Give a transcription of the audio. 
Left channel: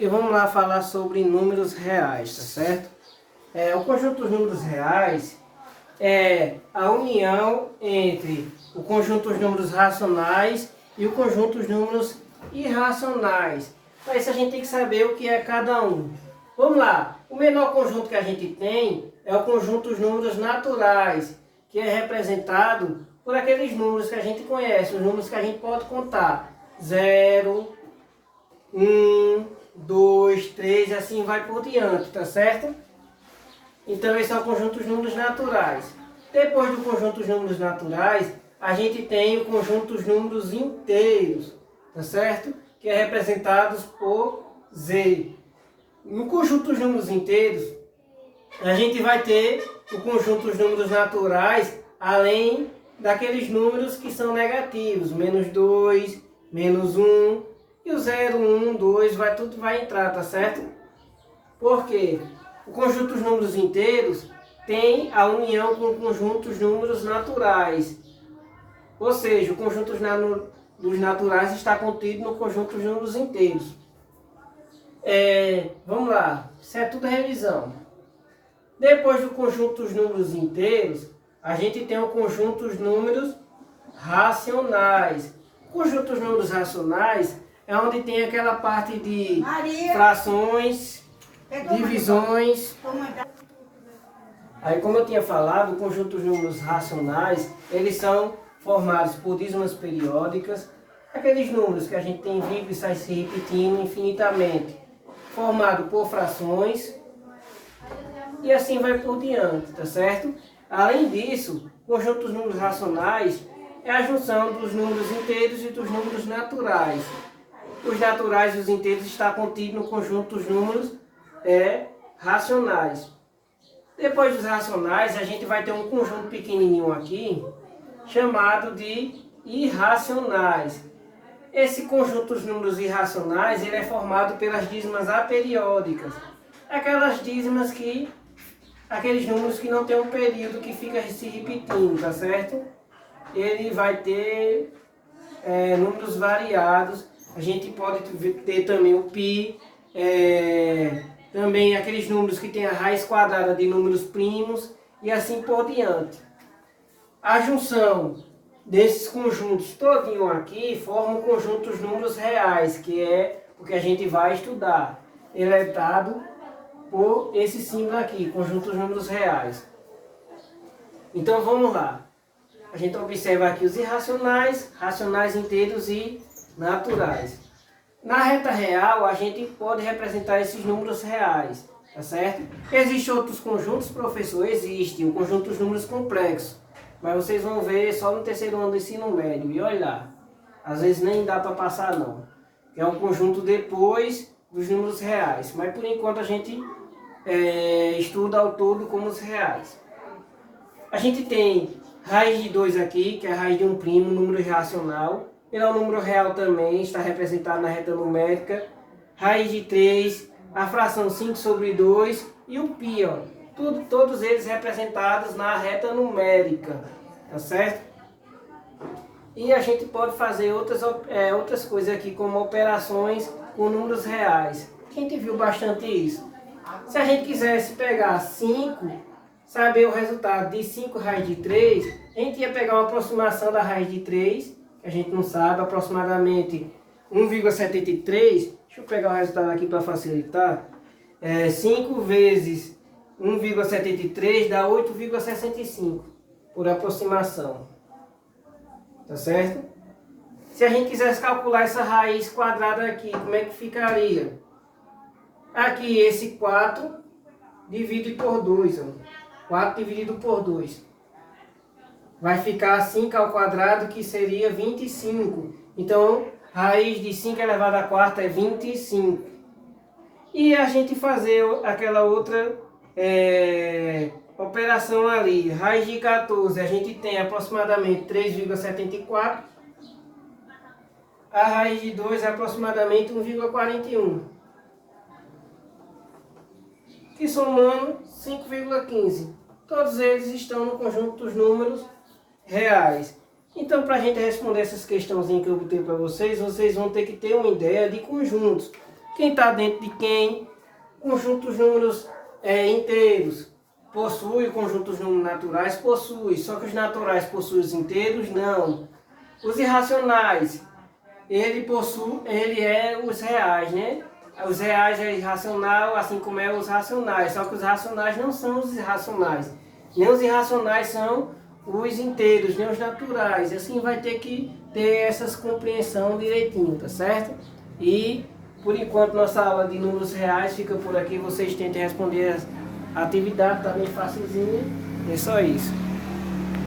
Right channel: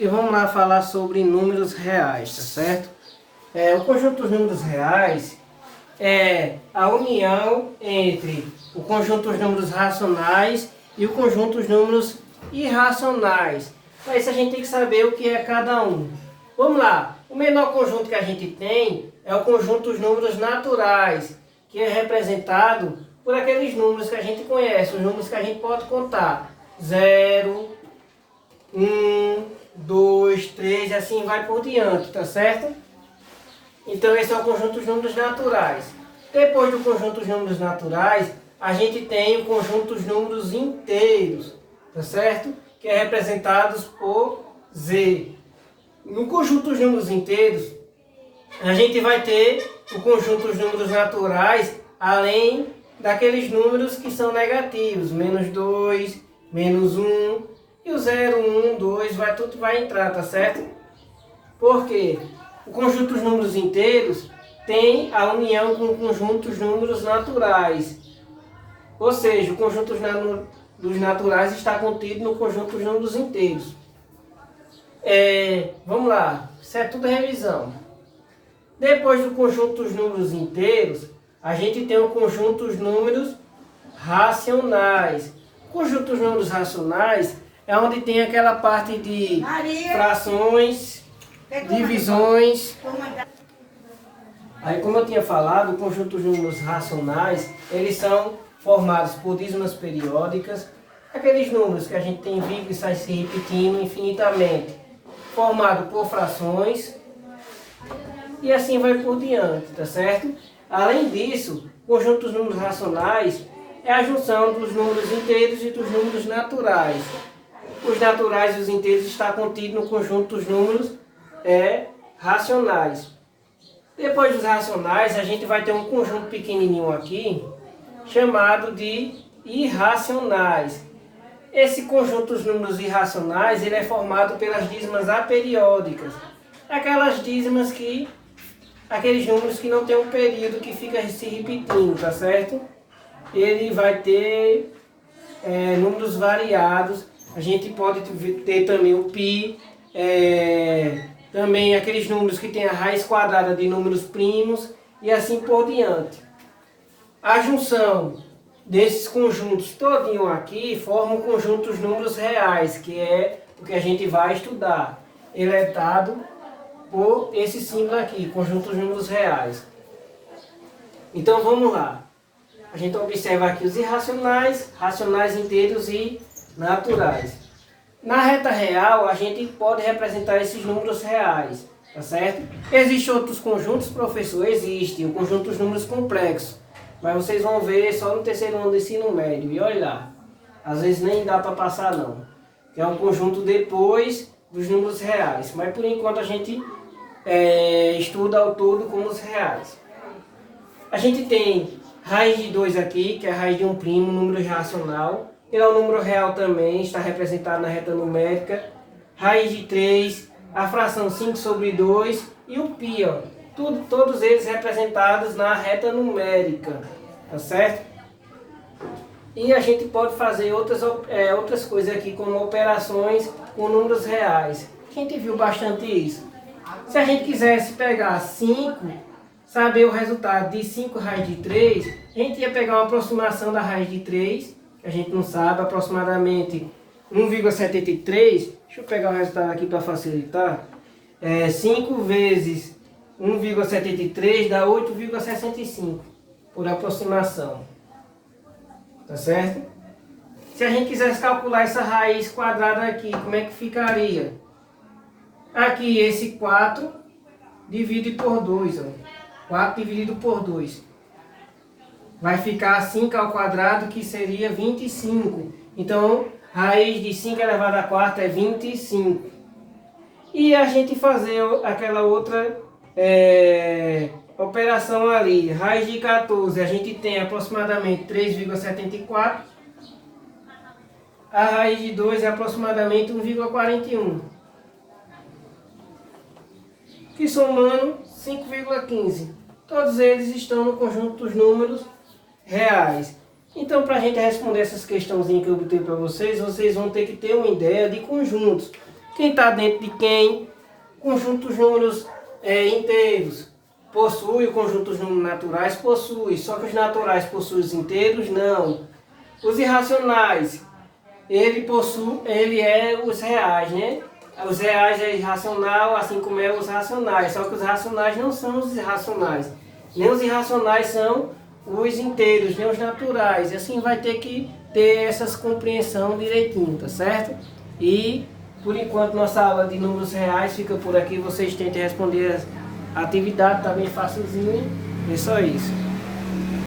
E vamos lá falar sobre números reais, tá certo? O conjunto dos números reais é a união entre o conjunto dos números racionais e o conjunto dos números irracionais. Para isso a gente tem que saber o que é cada um. Vamos lá, o menor conjunto que a gente tem é o conjunto dos números naturais, que é representado por aqueles números que a gente conhece, os números que a gente pode contar. 0, 1, 2, 3, assim vai por diante, tá certo? Então esse é o conjunto dos números naturais. Depois do conjunto dos números naturais, a gente tem o conjunto dos números inteiros, tá certo? Que é representado por Z. No conjunto dos números inteiros, a gente vai ter o conjunto dos números naturais, além daqueles números que são negativos, menos 2, menos 1, e o 0, 1, 2, tudo vai entrar, tá certo? Por quê? O conjunto dos números inteiros tem a união com o conjunto dos números naturais. Ou seja, o conjunto dos naturais está contido no conjunto dos números inteiros. Vamos lá, isso é tudo revisão. Depois do conjunto dos números inteiros, a gente tem o conjunto dos números racionais. O conjunto dos números racionais é onde tem aquela parte de frações, divisões. Aí, como eu tinha falado, o conjunto dos números racionais, eles são formados por dízimas periódicas, aqueles números que a gente tem vindo e sai se repetindo infinitamente, formado por frações, e assim vai por diante, tá certo? Além disso, o conjunto dos números racionais é a junção dos números inteiros e dos números naturais. Os naturais e os inteiros estão contidos no conjunto dos números racionais. Depois dos racionais, a gente vai ter um conjunto pequenininho aqui, chamado de irracionais. Esse conjunto dos números irracionais, ele é formado pelas dízimas aperiódicas. Aqueles números que não tem um período que fica se repetindo, tá certo? Ele vai ter números variados. A gente pode ter também o π, também aqueles números que tem a raiz quadrada de números primos e assim por diante. A junção desses conjuntos todinho aqui forma o conjunto dos números reais, que é o que a gente vai estudar. Ele é dado por esse símbolo aqui, conjunto dos números reais. Então vamos lá. A gente observa aqui os irracionais, racionais inteiros e naturais. Na reta real, a gente pode representar esses números reais, tá certo? Existem outros conjuntos, professor? Existe, o conjunto dos números complexos. Mas vocês vão ver só no terceiro ano do ensino médio. E olha lá, às vezes nem dá para passar não. É um conjunto depois dos números reais. Mas por enquanto a gente estuda ao todo como os reais. A gente tem raiz de 2 aqui, que é a raiz de um primo, um número irracional. Ele é um número real também, está representado na reta numérica. Raiz de 3, a fração 5 sobre 2 e o π, ó. Todos eles representados na reta numérica, tá certo? E a gente pode fazer outras coisas aqui, como operações com números reais. A gente viu bastante isso. Se a gente quisesse pegar 5, saber o resultado de 5 raiz de 3, a gente ia pegar uma aproximação da raiz de 3, que a gente não sabe, aproximadamente 1,73. Deixa eu pegar o resultado aqui para facilitar. 5 vezes 1,73 dá 8,65 por aproximação. Tá certo? Se a gente quisesse calcular essa raiz quadrada aqui, como é que ficaria? Aqui esse 4 divide por 2. Ó. 4 dividido por 2. Vai ficar 5 ao quadrado, que seria 25. Então, raiz de 5 elevado a 4 é 25. E a gente fazer aquela outra operação ali. Raiz de 14, a gente tem aproximadamente 3,74. A raiz de 2 é aproximadamente 1,41. Que somando 5,15. Todos eles estão no conjunto dos números reais. Então, para a gente responder essas questãozinhas que eu botei para vocês, vocês vão ter que ter uma ideia de conjuntos. Quem está dentro de quem? Conjunto dos números inteiros. Possui o conjunto dos números naturais? Possui. Só que os naturais possuem os inteiros? Não. Os irracionais, ele é os reais, né? Os reais é irracional, assim como é os racionais. Só que os racionais não são os irracionais. Nem os irracionais são os inteiros, nem os naturais. E assim vai ter que ter essas compreensão direitinho, tá certo? E por enquanto nossa aula de números reais fica por aqui. Vocês tentem responder a atividade, tá bem facilzinho. É só isso.